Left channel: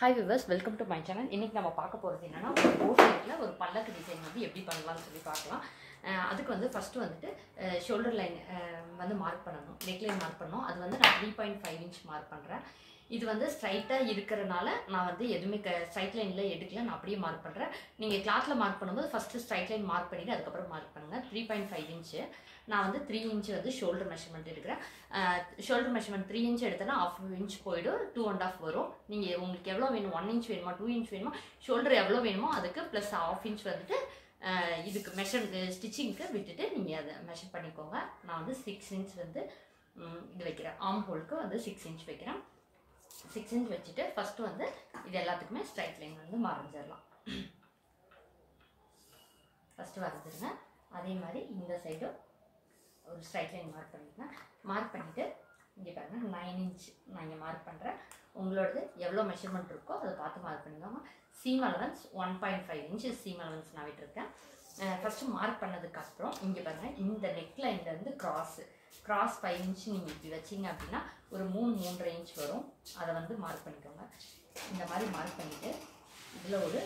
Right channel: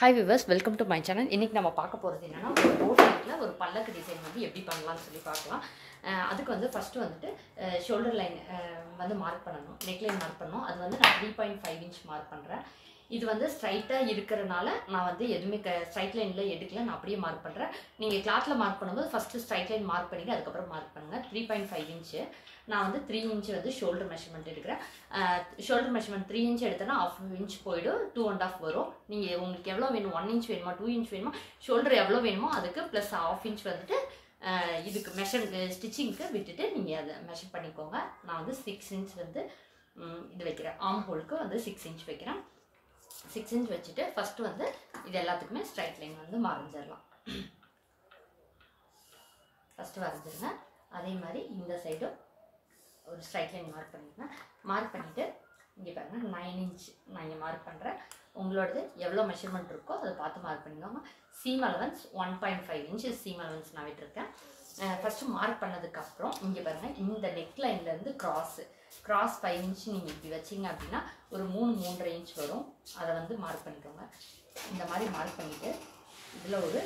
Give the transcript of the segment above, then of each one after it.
Hi viewers, welcome to my channel. இன்றைக்கி நம்ம பார்க்க போகிறது என்னென்னா, ஒரு போட் நெக்கில் ஒரு பல்லக்கு டிசைன் வந்து எப்படி பண்ணலாம்னு சொல்லி பார்க்கலாம். அதுக்கு வந்து ஃபஸ்ட்டு வந்துட்டு ஷோல்டர் லைன் வந்து மார்க் பண்ணணும், நெக் லைன் மார்க் பண்ணணும். அது வந்து நான் 3.5 இன்ச் மார்க் பண்ணுறேன். இது வந்து ஸ்ட்ரைட்டாக இருக்கிறனால நான் வந்து எதுவுமே ஸ்ட்ரைட் லைனில் எடுக்கல, நான் அப்படியே மார்க் பண்ணுறேன். நீங்கள் கிளாத்தில் மார்க் பண்ணும்போது ஃபஸ்ட்டு ஸ்ட்ரைட் லைன் மார்க் பண்ணிவிட்டு அதுக்கப்புறம் மார்க் பண்ணுங்கள். 3.5 இன்ச்சு நான் வந்து 3 இன்ச்சு வந்து ஷோல்டர் மெஷர்மெண்ட் எடுக்கிறேன். ஷோல்டர் மெஷர்மெண்ட் 3 இன்ச் எடுத்தேன்னா 1/2 இன்ச் போய்டும், 2.5 வரும். நீங்கள் உங்களுக்கு எவ்வளோ வேணும், 1 இன்ச் வேணுமா 2 இன்ச் வேணுமா, ஷோல்டர் எவ்வளோ வேணுமோ அதுக்கு ப்ளஸ் 1/2 இன்ச் வந்துட்டு இதுக்கு ஸ்டிச்சிங்க்கு விட்டுட்டு நீங்கள் அதை மெஷர் பண்ணிக்கோங்க. நான் வந்து 6 இன்ச் வந்து இது வைக்கிறேன். ஆர்ம் ஹோலுக்கு வந்து 6 இன்ச் வைக்கிறேன். 6 இன்ச் வச்சுட்டு ஃபஸ்ட்டு வந்து இது எல்லாத்துக்குமே ஸ்ட்ரைட் லைன் வந்து வரைஞ்சிடலாம். ஃபஸ்ட்டு வரைஞ்சிருங்க. அதே மாதிரி இந்த சைடும் ஒரு ஸ்ட்ரைட் லைன் மார்க் பண்ணிக்கோங்க. மார்க் பண்ணிவிட்டு இங்கே பாருங்கள் 9 இன்ச் நான் இங்கே மார்க் பண்ணுறேன். உங்களோடது எவ்வளோ மெஷர்மெண்ட் இருக்கோ அதை பார்த்து மார்க் பண்ணிக்கோங்க. Seam allowance 1.5 inch seam allowance நான் விட்டுருக்கேன். ஃபஸ்ட்டு மார்க் பண்ணதுக்கப்புறம் இங்கே பாருங்கள், இந்த நெக் லைன்லேருந்து கிராஸ் 5 இன்ச் நீங்கள் இப்படி வச்சிங்க அப்படின்னா ஒரு 3-3.5 இன்ச் வரும். அதை வந்து மார்க் பண்ணிக்கோங்க. இந்த மாதிரி மார்க் பண்ணிவிட்டு இதில் ஒரு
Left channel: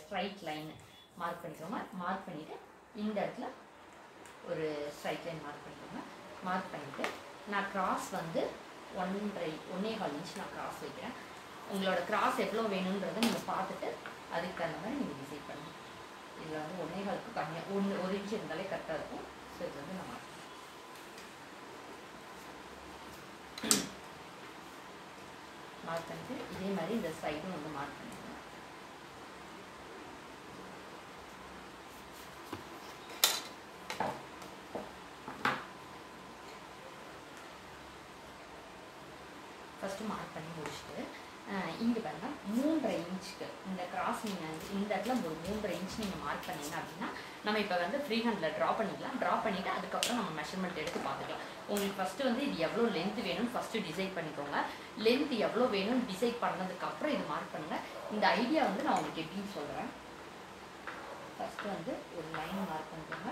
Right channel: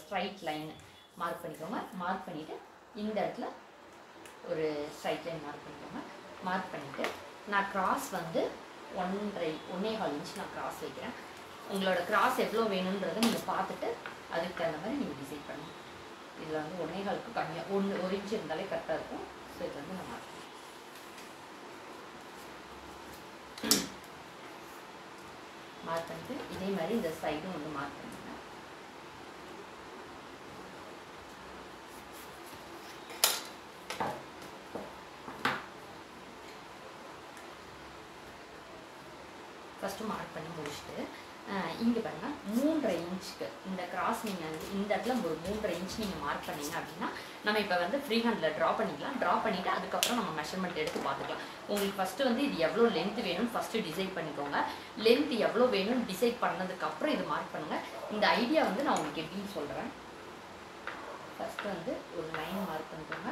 ஸ்ட்ரைட் லைன் மார்க் பண்ணிக்கோங்க. மார்க் பண்ணிவிட்டு இந்த இடத்துல ஒரு ஸ்ட்ரைட் லைன் மார்க் பண்ணிக்கோங்க. மார்க் பண்ணிவிட்டு நான் கிராஸ் வந்து 1.25 இன்ச் நான் கிராஸ் வைக்கிறேன். உங்களோட கிராஸ் எவ்வளோ வேணுன்றதை நீங்கள் பார்த்துட்டு அதுக்கு தகுந்த மாதிரி நீங்கள் டிசைட் பண்ணுங்கள். இதில் வந்து 1.25க்கு கம்மியாக 1 இன்ச் இருந்தாலே கரெக்டாக இருக்கும். ஸோ இது வந்து நான் மார்க் பண்ணிட்டு இதே மாதிரி இந்த சைடும் வந்து மார்க் பண்ணிக்கிறேன். ஃபஸ்ட்டு மார்க் பண்ணி முடிச்சுட்டு இங்கே பாருங்கள் 3.5 இன்ச்சுக்கு இந்த கிராஸ் நீங்கள் வந்து இந்த இடத்துல ஒரு 3.5 இன்ச் நீங்கள் மார்க் பண்ணிங்க அப்படின்னா நம்ம இப்போ வந்து ஃப்ரீ ஹேண்டில் ட்ரா பண்ணிக்கலாம். ட்ரா பண்ணிவிட்டு அதுக்கப்புறம் நம்ம மெஷர்மெண்ட் எடுத்து பார்த்துக்கலாம். உங்களுக்கு ஃபஸ்ட்டு வந்து இது எவ்வளோ லென்த் வேணும்னு ஃபஸ்ட்டு டிசைட் பண்ணிக்கோங்க. லென்த் எவ்வளோ வேணும்னு டிசைட் பண்ணதுக்கப்புறம் இது மார்க் பண்ணுங்கள். இந்த ஐடியா வந்து நான் உங்களுக்கு எப்படின்னு சொல்கிறேன். ஃபஸ்ட்டு வந்து ஒரு லைன் மார்க் பண்ணிக்கோங்க.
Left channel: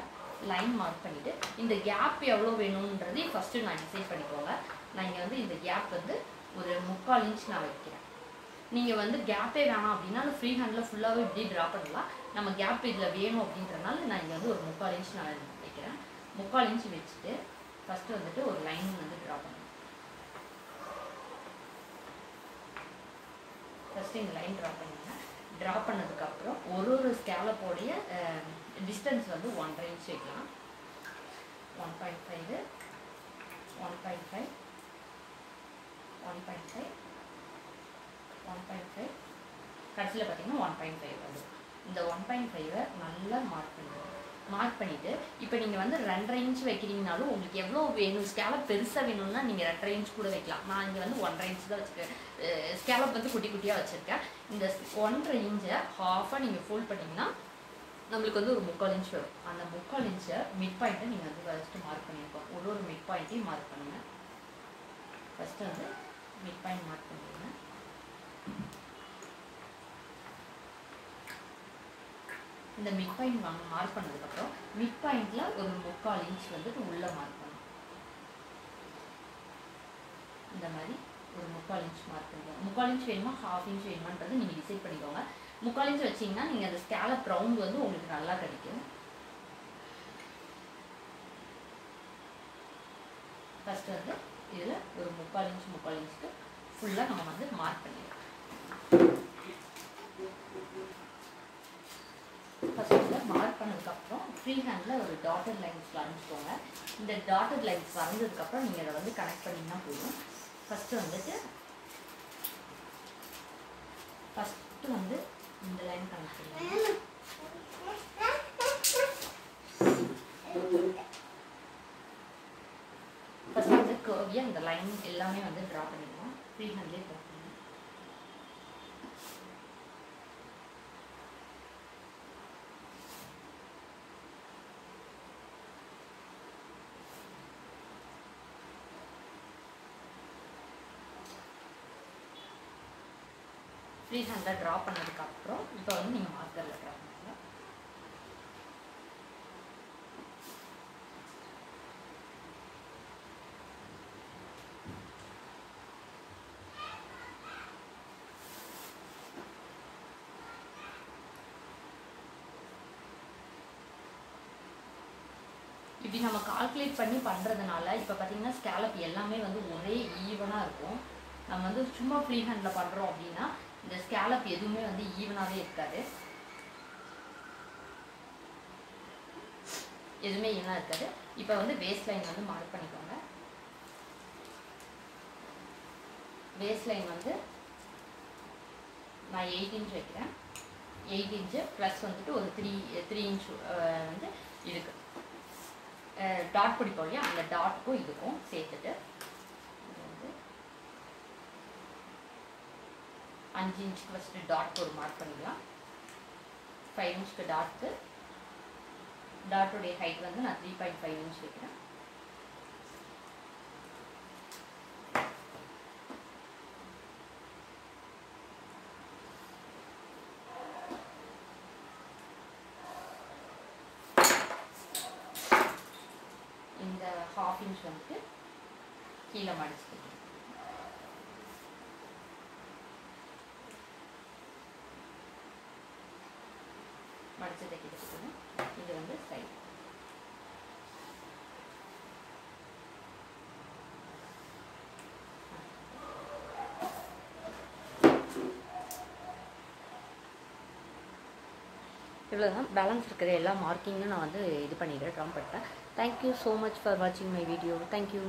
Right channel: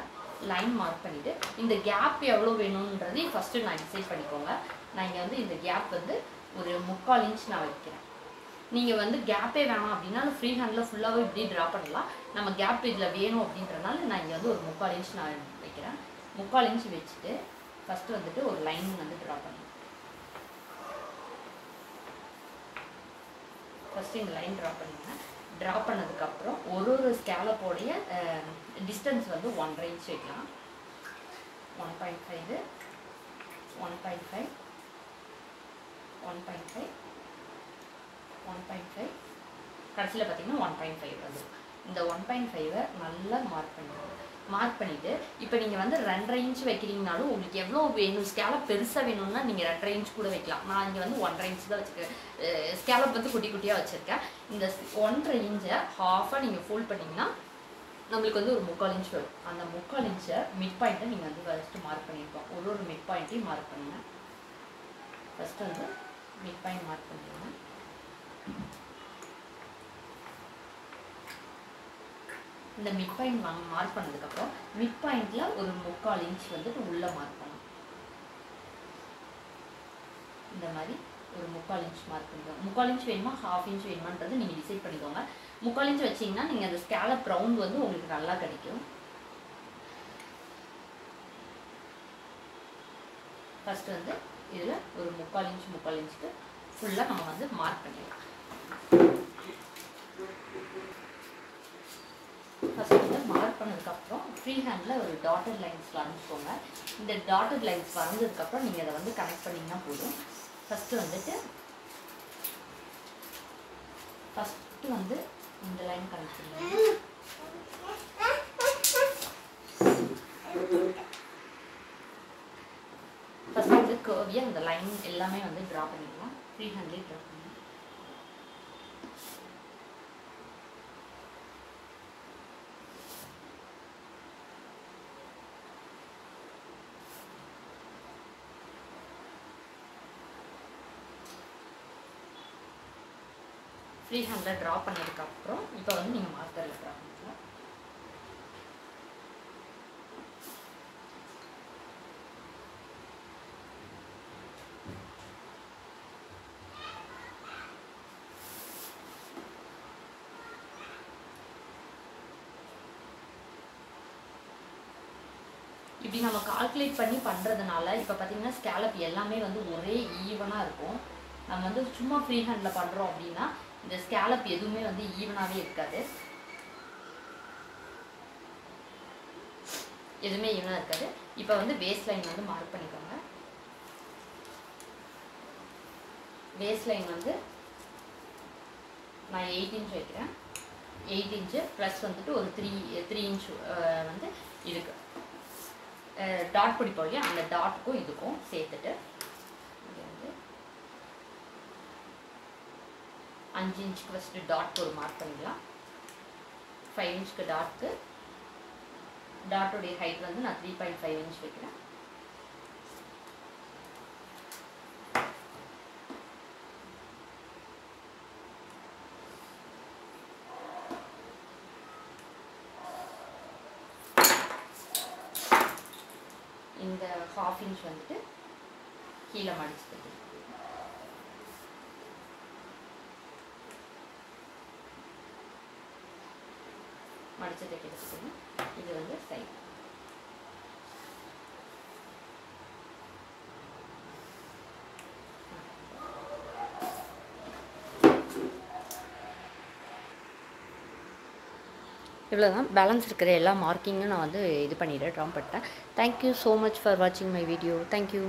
லைன் மார்க் பண்ணிவிட்டு இந்த கேப் எவ்வளோ வேணுன்றதையும் ஃபஸ்ட்டு நான் டிசைட் பண்ணிக்கோங்க. நான் இங்கே வந்து இந்த கேப் வந்து ஒரு 3/4 இன்ச் நான் வைக்கிறேன். நீங்கள் வந்து கேப்பே வேணாம் அப்படின்னா ஃப்ரீ ஹேண்டில் ஃபுல்லாகவே இப்படி ட்ரா பண்ணலாம். நம்ம கேப் இதில் வேணும் அப்படின்றனால நான் இங்கே வந்து ஒரு 3/4 இன்ச் நான் வைக்கிறேன். 3/4 இன்ச் வச்சுட்டு ஃபஸ்ட்டு வந்துட்டு ஒரு லைன் வந்து ட்ரா பண்ணுங்க. ஃபஸ்ட்டு இந்த லைன் ட்ரா பண்ணுங்க. ட்ரா பண்ணதுக்கப்புறம் ஒரு ஸ்கேலப்போடைய டிஸ்டன்ஸ் வந்து 1.5 இன்ச் வைக்கலாம். 1.5 1.5 1.5 1.5 கடைசியில் பார்த்தீங்கன்னா 1.5 வந்து இந்த 1.5 நல்லா மார்க் பண்ணிடுங்க. மார்க் பண்ணிவிட்டு இப்போ நீங்கள் வந்து 2.5 இன்ச் வைக்கிறீங்கனாலும் உங்களுக்கு எவ்வளோ வேணும், ஸ்கேலப் பெருசாக வேணும்னா நீங்கள் 2.5 இன்ச் கூட வைக்கலாம். நான் இங்கே வந்து 1.5 இன்ச் தான் வச்சுருக்கேன். ஸ்கேலப் வந்து குட்டி குட்டியாக வச்சுருக்கேன். இந்த 1.5 இன்ச்சை ஹாஃபாக நீங்கள் ஃபோல்ட் பண்ணிங்கன்னா நம்மளுக்கு வந்து ஒரு 3/4 இன்ச் வரும். அந்த 3/4 இன்ச்சை மிட் பாயிண்ட்டை நீங்கள் வந்து ஃபஸ்ட்டு மார்க் பண்ணியிருக்கோம். ஒரு மிட் பாயிண்ட்டையும் மார்க் பண்ணுங்கள். ஃபஸ்ட்டு வந்து மிட் பாயிண்ட் மார்க் பண்ணிடுங்க. இந்த மிட் பாயிண்ட் மார்க் பண்ணதுக்கப்புறம் மிட் பாயிண்டில் ஒரு 3/4 இன்ச் வந்துட்டு உள்ளே மார்க் பண்ணணும். இந்த மாதிரி ஒரு 3/4 இன்ச் மார்க் பண்ணிக்கோங்க. 3/4 இன்ச் வேணுமா 1/2 இன்ச் வேணுமான்றது நீங்கள் டிசைட் பண்ணிக்கோங்க. 3/4 இன்ச் வச்சிங்கன்னா நீங்கள் அந்த ஸ்கேலப் ரவுண்ட் வந்து உங்களுக்கு நல்லா கிடைக்கும். ஃபஸ்ட்டு வந்து இதில் ஒரு 3/4 இன்ச்சுக்கு ஃபுல்லாக நம்ம வந்து மார்க் பண்ணிடலாம். ஃபஸ்ட்டு வந்து மார்க் பண்ணதுக்கப்புறம் ஃப்ரீ ஹேண்டில் ஒரு டாட்டட் லைன்ஸ் வரைஞ்சிக்கோங்க. இந்த டாட்டட் லைன்ஸ் வரைஞ்சதுக்கப்புறம் நீங்கள் அதை வந்து கனெக்ட் பண்ணிங்கன்னா போதும். ஃபஸ்ட்டு வந்து இந்த லைன் கனெக்ட் பண்ணுங்க. ஃபஸ்ட்டு வந்து கர்வியாக இந்த லைன் எல்லாமே வந்து ட்ரா பண்ணிடலாம். ஃப்ரீ ஹேண்ட்லேயே ட்ரா பண்ணுங்க. ஃப்ரீ ஹேண்டில் ட்ரா பண்ணதுக்கப்புறம் இப்போ வந்து நீங்கள் மார்க்கரில் ட்ரா பண்ணிக்கலாம். இப்படி நம்ம கால்குலேட் பண்ணி பண்ணுறதுனால இப்போ பார்த்தீங்கன்னா ஸ்கேலப் எல்லாமே வந்து ஒரே ஈவனாக இருக்கும். நம்ம வந்து சும்மா ஃப்ரீ ஹேண்டில் பண்ணுறோம் அப்படின்னா இந்த ஸ்கேலப் எதுவுமே வந்து ஈவனாகவே இருக்காது, எதுவுமே ஈவனாக இருக்காது. இப்போ வந்து வேஸ்ட் லைன் வந்து மார்க் பண்ணிக்கோங்க. வேஸ்ட் லைன் வந்து நான் 8 இன்ச் வைக்கிறேன். 8 இன்ச்சு ப்ளஸ் வந்துட்டு ஒரு 3 இன்ச் வந்து இதுக்கு டாட் பிடிப்போம் இல்லையா, அந்த டாட்டுக்கும் இதுக்கும் சேர்த்துட்டு இது வந்து 5 இன்ச்சுக்கு ஃபஸ்ட்டு டாட் ஒரு மார்க் பண்ணிக்கலாம். 5 இன்ச்சுக்கு டாட்டுக்கு டாட்டோடைய ஹைட் வந்து நான் 3.5 இன்ச் வைக்கிறேன். இந்த 1/2 இன்ச் வந்துட்டு கீழே மடிச்சு தைக்கணும். மடிச்சு தைக்கிறதுக்கு இது வந்து சைட். இவ்வளோதான். பேலன்ஸ் இருக்கிற எல்லா மார்க்கிங்கும் நான் வந்து இது பண்ணிவிட்டேன், ட்ரா பண்ணிட்டேன். தேங்க்யூ ஸோ மச் ஃபார் வாட்சிங் மை வீடியோ. தேங்க்யூ.